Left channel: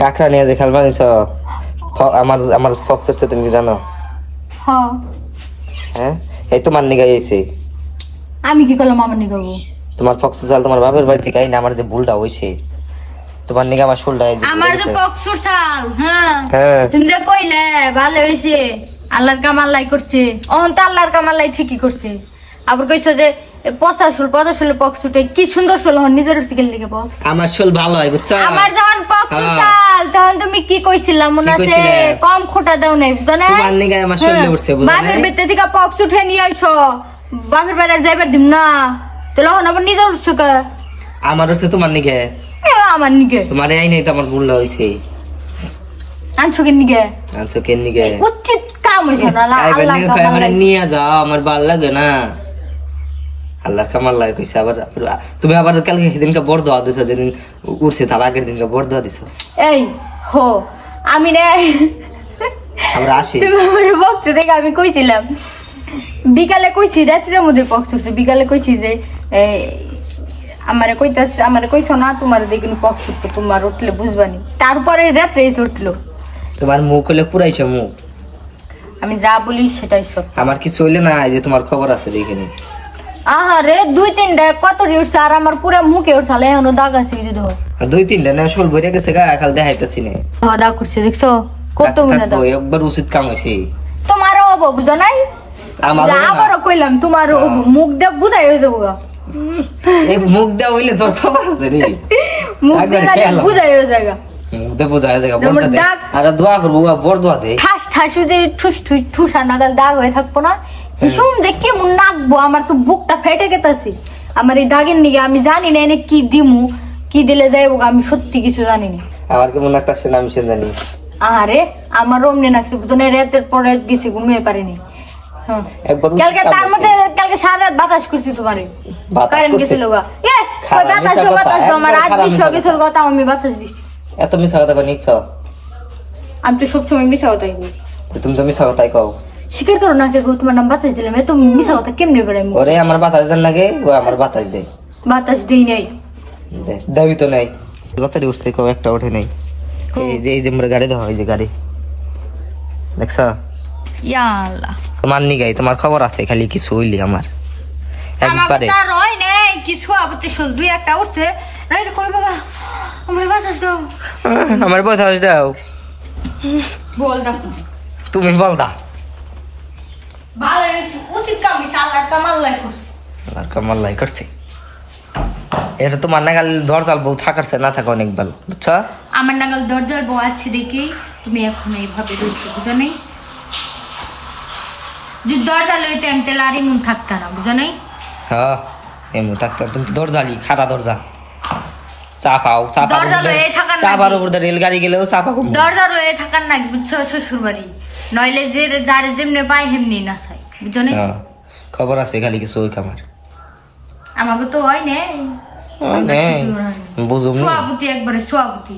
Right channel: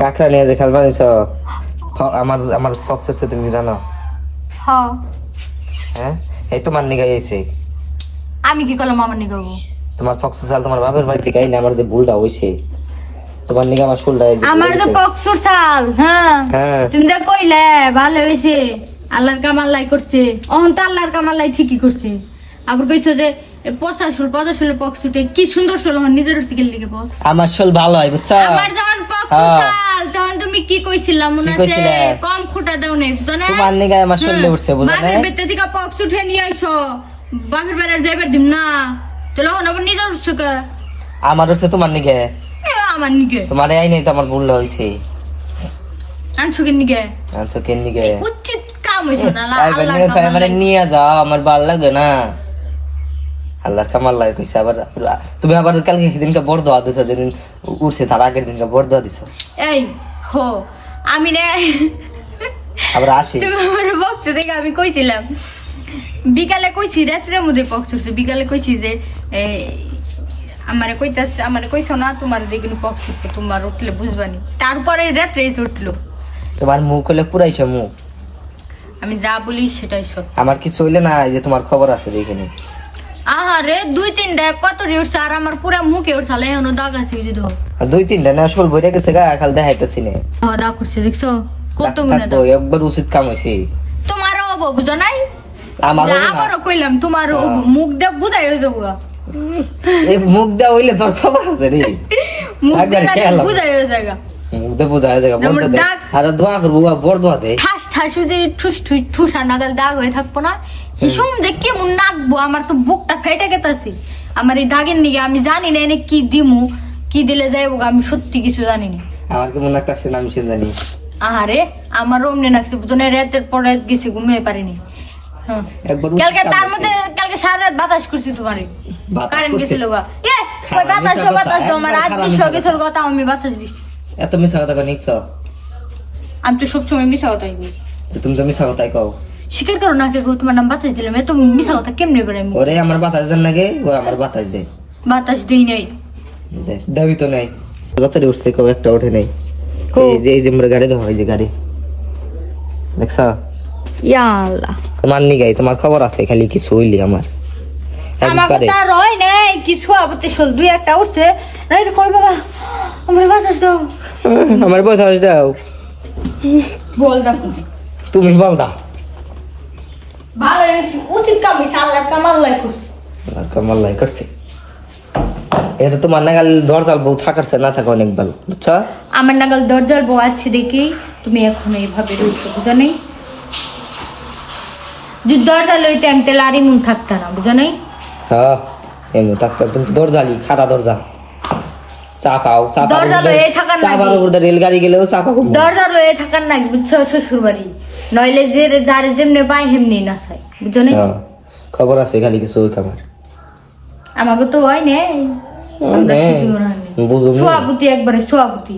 কাকড়া নিয়ে যে খেলবা নিছ আমার আমার ফক্স আছে তুমি কি জানো? হ্যাঁ হ্যাঁ এই তোমার নিগা এসে আমি কি করলাম আমার নিগা করব? তোমার ফক্স চাল তোমার বাপের বাড়ি থেকে না আমার যে ভুলটা হইছে তোমার নিগা আমার শোলটা এই যে আমার যে ফক্সর চাল হ্যাঁ তুমি যে কইলে ভালো হইছে আল্লাহর কামাল্লাই করছে অহন তো আল্লাহর কামাল্লাই ঠিকই করছে আবার কইছো যে 50 পক্সুটে কি সুন্দর শোল হন নিজের সিকেল লিখে পক্স আমার শোল ভালো হয় বুঝছো আমার যখন পক্স চাল তখন তুমি কি কইছিলা মনে আছে কম খোটা দাও নাই বুঝো না তোমার নিগা আমার শোল উঠছে বুঝো না বাপের বেতে থেকে পক্স উঠে নিয়ে আইছো বাপের বাড়ি যাইবার দিম না তো লহন আবার নিজের উঠছো কে আমার হচ্ছে তোমার নিগা আমার নিগে তোমার এই নাই তো আমার ভুল হইছে আনছো কি নিগে উচিত কাম হইছে না আল্লাহর কামাল্লাই নিয়ে যাও আমার ভালো লাগে না আল্লাহ কামাল্লাই কইছে আবার তুমি আবার কালকে সেদিনকে বড় দোয়া দিছো যেদিন উঠছে তার আগের দিনকে বড় দোয়া দিছো এই হো আমি রে আবার আসি তুমি আমার বক্স দেখে আমি কইছিলাম বিকালে কইছি রাত্রের মধ্যে বক্স উঠছে বিকালে কইছি যে আমারে কইছো না তোমার দেখিন বক্স উঠবো তোমার উঠলে বুঝবানি তারপরে রাত্রে উঠলো তোমার মুখ হলে পুরাইছে মুখ আমি যা বলি সেটাই সত্য আমার কিছু হইলে না যে তোমার খবর আছে দেখিনি আরে 2-3টা কত উঠছে আর আমার পুরো মুখে উঠছে এখনো দাগ আছে ওই যে দেখো 2-3টা না শোল বইরা গেছে গা খাল দেখাইতেছি না দাগ করছে দেখছো কত গুণা দাগ একবার উচিত কাম হইছে তোমারও হবো বুঝো নাই আমারও কইলাম তোমারও মুখ দেখ বুঝাই হয়ে যাবো এই মুখ দেওয়া হইলে তোর খবর আছে রে মুখ দেখ বুঝাই হয়ে যাবে মুখ দে বুঝাই যাবে বড় দে আর দোয়া করব বড় দোয়া দে ঠাস ঠাস যে ঠুস আর নাগাল দাগ হয়ে থাকবো না হিসুম দেখ কেমন নাকবো আমার তো বুকটা ফেটে গেছে আমার এই দাগের নিগে আমি জানি না এনে কি দিমু কি দিলে যাইবো আমি সত্যি কিছু জানি না আমার কেমন লাগতাছে না আমি জানি আরে আমার অমনে নাকছে বুঝনে রাতের পরে গেছি ঘুমিয়ে পারিনি কালকে সারা রাত বাতাস করছি তোমারে কারেন্ট গেছিল বাতাস আমার আজ বিষয় কিছুর কথা আমি বাতাস দিচ্ছি এত মিশা কথা নিচ্ছ আমি তো সবসময় মিশা কথাই বলি তুমি তো মিশা কথাই কও স্বীকার করো না কে তোমার নাম বাতাস দিলাম এত মিশা কথা কেমনে বেড়াই ওরে আমার বাতাস দেন নাকি ও আমার বাতাস দেয় বাতাস দেই নাই দাবি তো নাই কথাটি উঠছে কেউ একটা ওঠে নাই এই যে মোর গাড়ি দেওয়া হয় যে গাড়ি দেখছ ইয়া আল্লাহ তোমার নিগাই তোমার খবর আছে খালি কিছু হইলি আমার আমাকে তার রয় নাই কিছু আবতে শোল 2-1টা উঠছে রাইট কই বাবা আমার বাতাস দাও আমার বাতাস দাও বল দাও তুমি বল দাও ভালো উচিত কাম হইছে আল্লাহর কামাল্লাই করছে আল্লাহর কামাল্লাই করছে এটা তোমার নাগাল দরজাল বউ থাকারছে না থাকা অনেক ভালো বুঝছো আমার নাগাল দরজাল বউ আছে দেখি তুমি এখন এইভাবে রইছো বুঝো নাই যে দরজা লইতে আমি তেল আর ইমন থাকতা না বুঝো নাই হ্যাঁ এমন থাকতো তুমি তো দরজালি খাটা দরজা চাপাও দরজা লয়ে থাকার না চাপার উপর রেলগাড়ি গেলেও চাপা করব দরজা লয়ে থাকার না বুঝছো শ্বশুর বাড়ি নইলে যে যার যেমনে পায় হেমনি না চাই বুঝো নাই খবর আছে খালি কিছু ওই খাবার আমাকে তো হয় নাই বুঝুম সোয়াবুতি একবারে সোয়াবুতি